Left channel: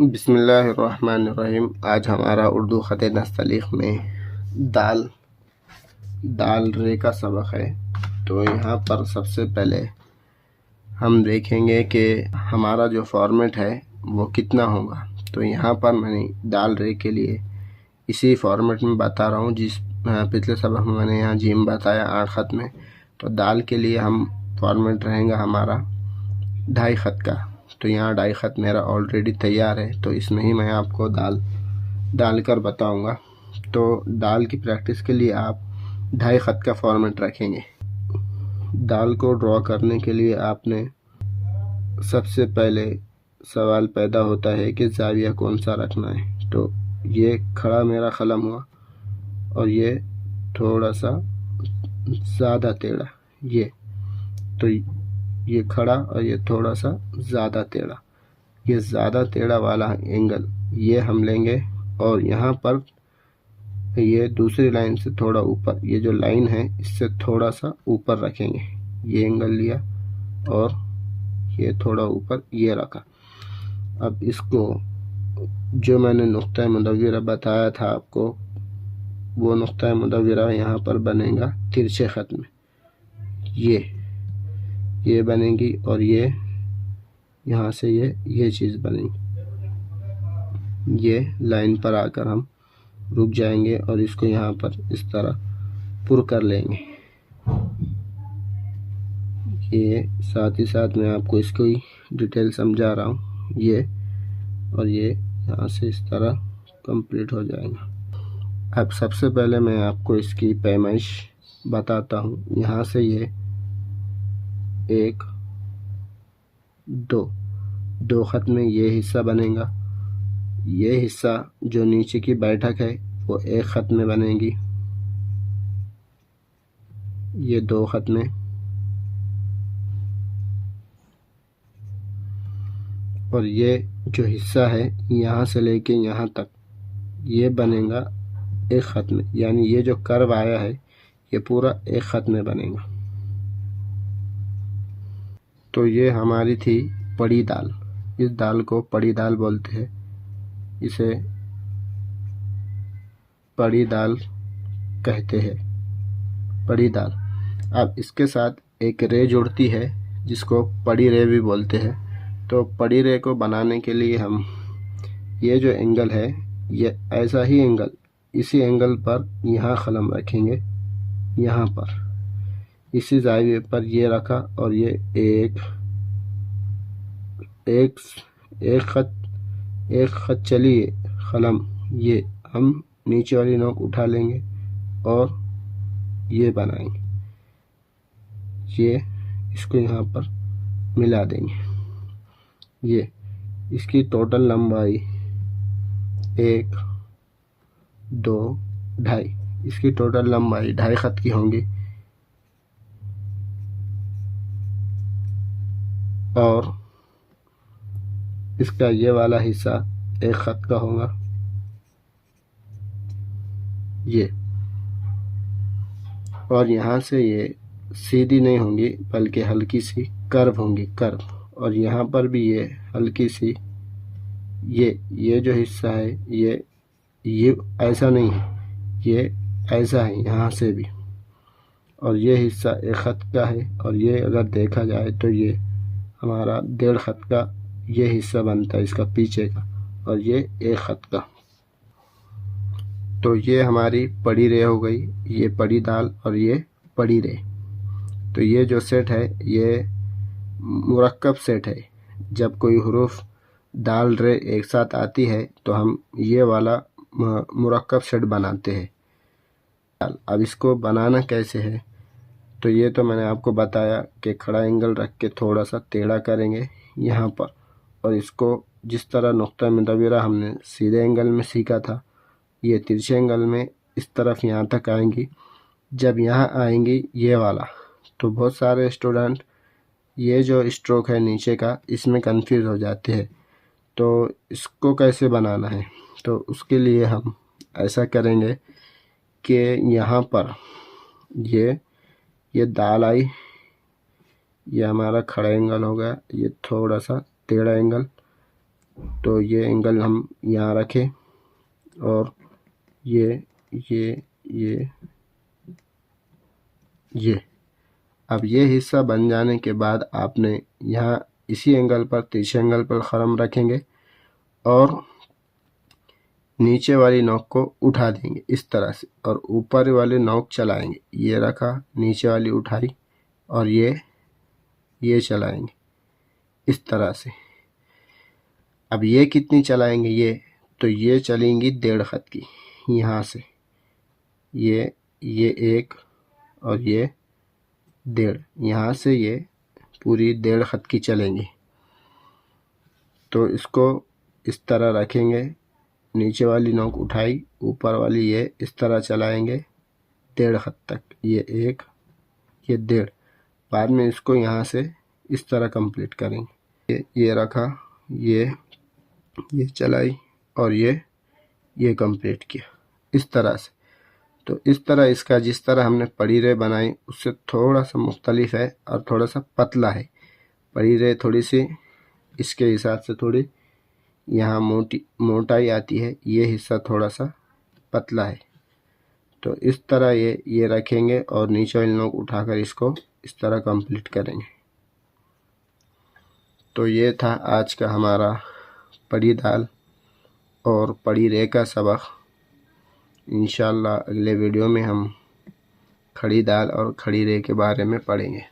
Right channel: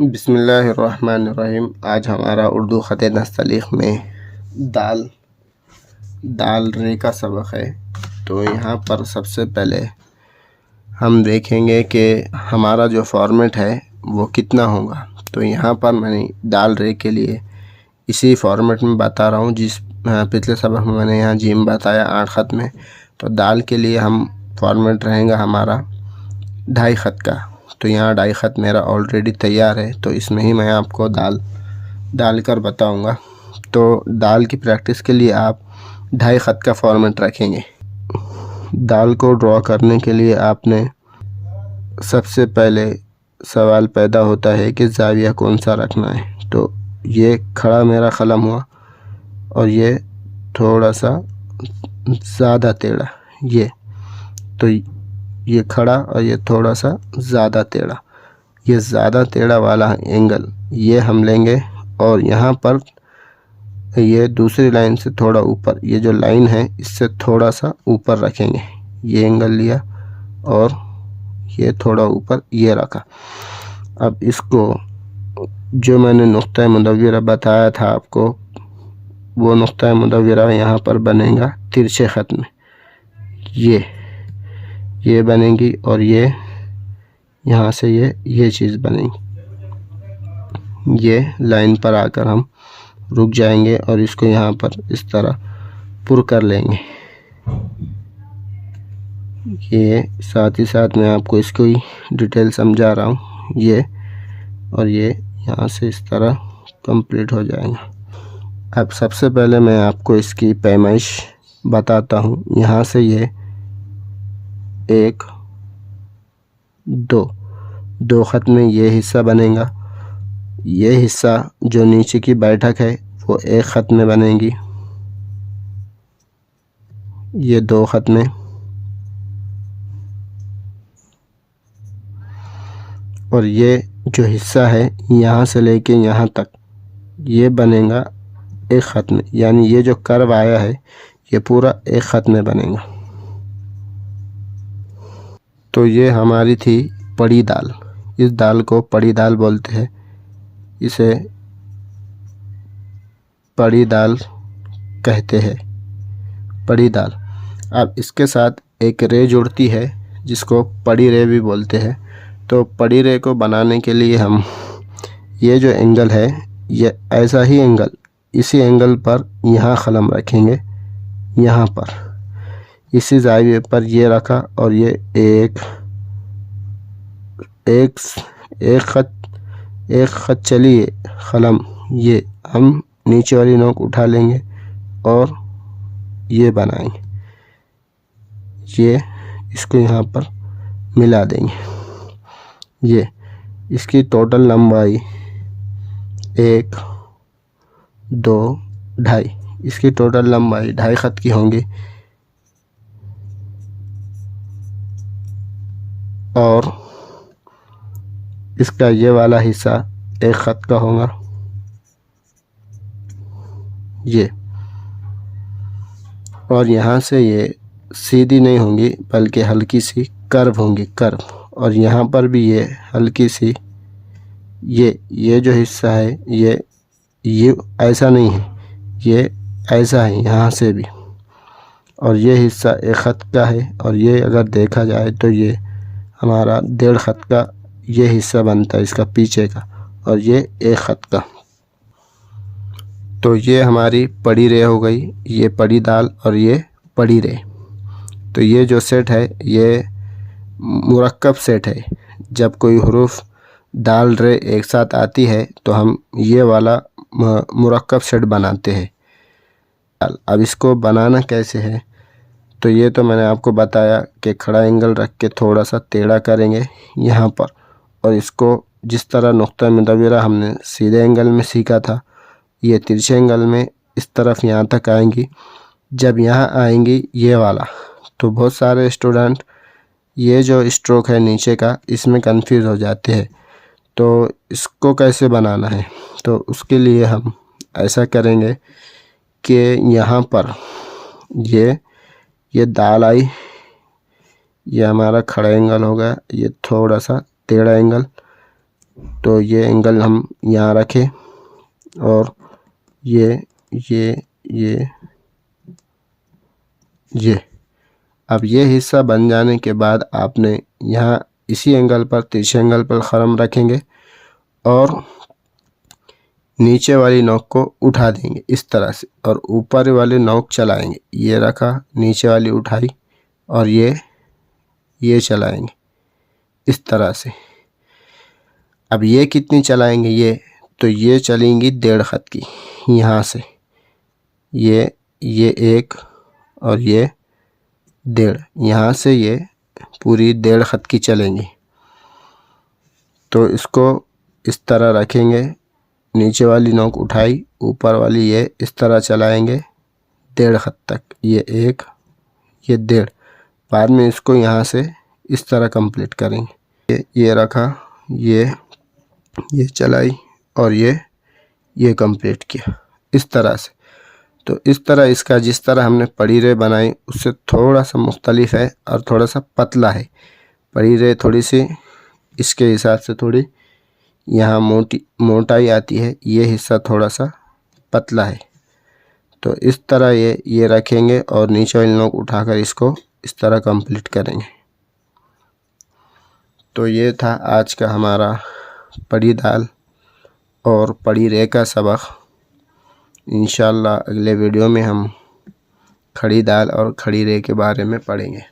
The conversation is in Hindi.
बिस्मिल्लाहिर्रहमानिर्रहीम। आज हमारा उर्दू ख़त नस्तलीक़ में दाल दाल रे का सबक है। तो यहाँ पर सबसे पहले हम देखेंगे कि हमारा जो फॉर्मेट है वो कितना होगा। तो यहाँ पर मैंने दाल रे के लिए इसी फॉर्मेट में बता रहा हूँ जिस पिछले सबक में मैंने यहाँ जीम बताया 8 ख़त में। तो दाल के लिए हम फॉर्मेट रहेगा हमारा 2.5 ख़त का। तो यहाँ 2.5 ख़त मेरा ऑलरेडी तैयार है, तो इसमें ही मैं आपको डाल कर बताऊँगा। तो दाल की प्रैक्टिस के लिए आप 2.5 ख़त का फॉर्मेट रखेंगे। दाल को ड्रॉ करने के लिए आपने सबसे पहले सवाल पैदा होता है कि ज़ाविया कौन सा रखना है। तो ये खड़ा मेरा कलम हुआ और ये थोड़ा सा ज़्यादा टेढ़ा, तो ये खड़ा और ये थोड़ा सा ज़्यादा टेढ़ा, ये ज़्यादा टेढ़ा वाला एंगल ये हम लेंगे। और यहाँ पर ये दूसरी लाइन से थोड़ा ऊपर, ये जो लाइन है इससे थोड़ा सा ऊपर रखेंगे। ये एंगल लिया और ये थोड़ा ऊपर ये रखा। अब इसको जो मैंने नुक्ता मुदव्वरा बताया था आपको, वो नुक्ता मुदव्वरा यहाँ पर बनेगा तिरछे ख़त में। ये बनेगी और ये यहाँ से ये चीज़ बनेगी। ये लाइन पर आकर हम रुक जाएंगे और इसको यहाँ पर इस तरह पुर कर लेंगे। ये साथ ही साथ मैं आपको इसको ही डिटेल समझा रहा हूँ। ये और ये यहाँ से इस तरह कंप्लीट हो जाएगा। अब सबसे पहले मैं आपको इसकी पैमाइश बताता हूँ। यहाँ से ये 1 2 ख़त में ये हिस्सा बनेगा। ये हिस्सा जो नीचे की बैठक है वो 1 ख़त में बनेगी। ये 2 ख़त में और ये जो हिस्सा है यहाँ से लेके यहाँ तक ये बनेगा 1 ख़त में। यानी ये जो कर्व आया है ये पूरा 1 ख़त में बनेगा। तो ये हमारी थी पड़ी दाल। इस दाल को पड़ी दाल बोलते हैं, इसे पड़ी दाल कहते हैं, पड़ी दाल। अब इसके साथ एक रे जुड़ती है जिसको पड़ी रे भी बोलते हैं। तो पड़ी रे को बनाने के लिए हम ये जो एंगल है, ये ऐसा ही एंगल, इसी एंगल पर यहाँ कलम रखेंगे। यहाँ पर इसी ज़ाविये पर ये रखा और ये एक ख़त चलिए कलम, ये हम नीचे वाली नोक उठा लेंगे और ये बनाएंगे। ये इसको यहाँ पर मिला देंगे। ये इसकी टोटल लंबाई 1 2 2.5, इसकी टोटल लंबाई 2.5 ख़त की होंगी। और इसका ये वाला हिस्सा 1 ख़त का होगा। ये और यहाँ से ये सीधी नहीं होंगी बल्कि हल्की सी कर्व होंगी, कर्व। और यहाँ पर भी ये हल्की सी, ये जो हिस्सा है ये ऐसा नहीं है, ये ऐसा है यहाँ से भी। और ये हिस्सा 1 ख़त का है और ये अगर देखा जाए तो ये हमारा 1.5 ख़त का ये हिस्सा बनता है इसका पीछे का, और ये 1 ख़त का। तो ये हमारी पड़ी रे हो गई, ये पड़ी दाल और ये पड़ी रे। तो ये जो सेट है ये मुरक्कब सेट है। जब कोई हुरूफ दाल रे एक साथ आती है तो हम ये वाला मुरक्कब सेट बनाते हैं। अब इसको बनाना कैसे है, तो ये तो मैंने आपको बताया कि खड़ा एंगल रख के थोड़ा सा टेढ़ा करेंगे यहाँ पर, और इसको जिस तरह नुक्ता मुदव्वरा हमने सीधे एंगल में सीखा था, ये तिरछे एंगल में इस तरफ यहाँ तक आएंगी। जब यहाँ आएंगी ये वाला, तो बहुत सारे स्टूडेंट ये जो स्ट्रोक है नीचे का इसमें कंफ्यूज हो जाते हैं। तो इसको कैसे बनाना है, तो उसके लिए हम ऐसा करेंगे कि यहाँ पर ये दाल आई, ये हमारा खड़ा एंगल होगा, ये थोड़ा सा टेढ़ा एंगल, तो ये एंगल हम यहाँ रखें और ये अब ये हिस्सा बन जाने के बाद आपने यहाँ इसी एंगल पर तिरछे एंगल पर ख़रम रखेंगे और नीचे वाली नोक को उठा देंगे इस तरह से और ऊपर वाली नोक चलाएंगे। ये रखा, नीचे वाली उठाई और ये चलाएंगे इस तरह से। अब ये कितनी चलाएंगे तो ये चलेंगी 1.5 खत की। यहाँ से ये 1 और ये 1.5, यहाँ से ये पूरी 1.5 खत की चलेंगी। तो इसको इस तरह रखेंगे, नीचे वाली नोक उठाई, ऊपर वाली ये इस तरह चलाएंगे 1.5 खत तक। ये 1, ये 1.5। बाद में इसको यहाँ से इस तरह कंप्लीट करेंगे। ये रखा, ये चलाई और ये कंप्लीट किया इस तरह से। तो इस तरह इसका जिस तरह हमने पड़ी रे बनाई उससे थोड़ा सा मुख्तलिफ है और थोड़ा सा पतला है। पड़ी रे थोड़ी सी इसके हिसाब से थोड़ी यहाँ मोटाई आती है, ये हिस्सा थोड़ा सा पतला है। तो इस तरह ये रखेंगे और नीचे वाली नोक उठाकर इसको इस तरह कंप्लीट करेंगे। तो ये था आज का हमारा पड़ी दाल और पड़ी रे का सबक। इंशाअल्लाह अगले वीडियो में हम खड़ी दाल और खड़ी रे के बारे में पढ़ेंगे।